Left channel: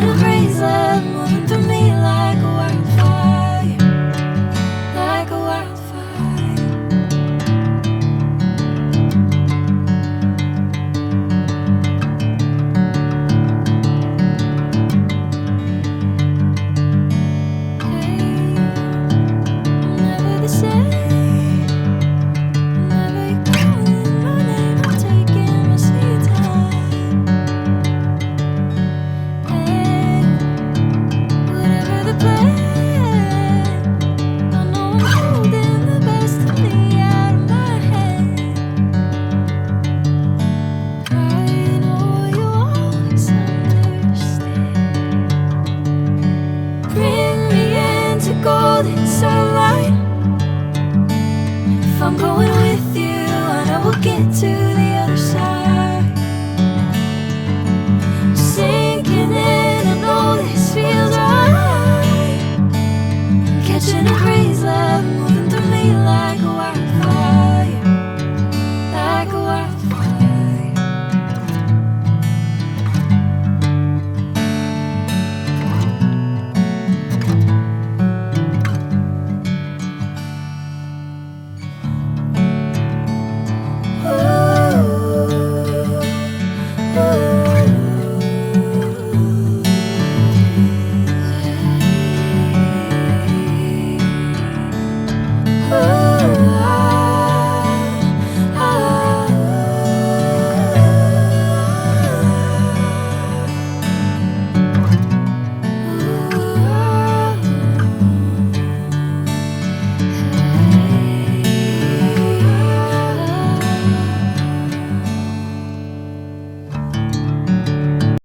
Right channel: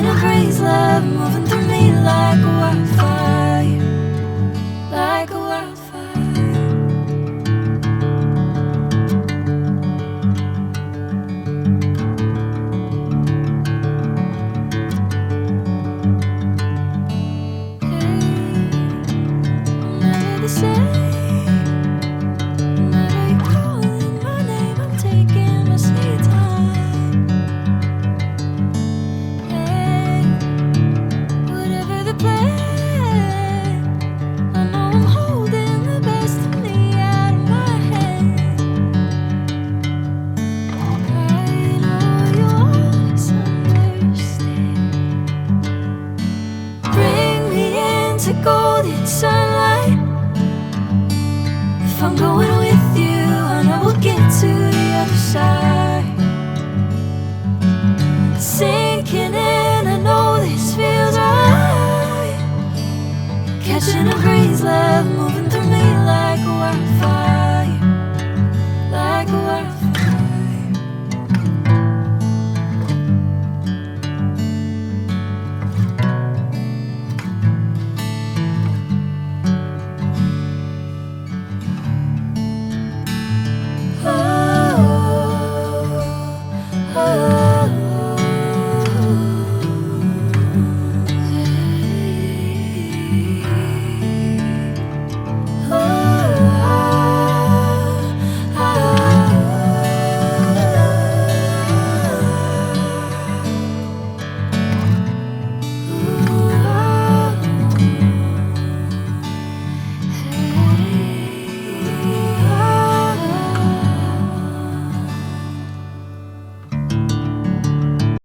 in a crazy love, moving through me like a wildfire, like a wildfire. Hey, I'm never the same. Whenever you're calling my name, I'm taking my sweet time. Hey, whatever the plan, I know I'm holding the best of me out of my hand. I know you always understand. Bring me into golden sunlight. If I'm going with you, I know we'll get to the other side. Sing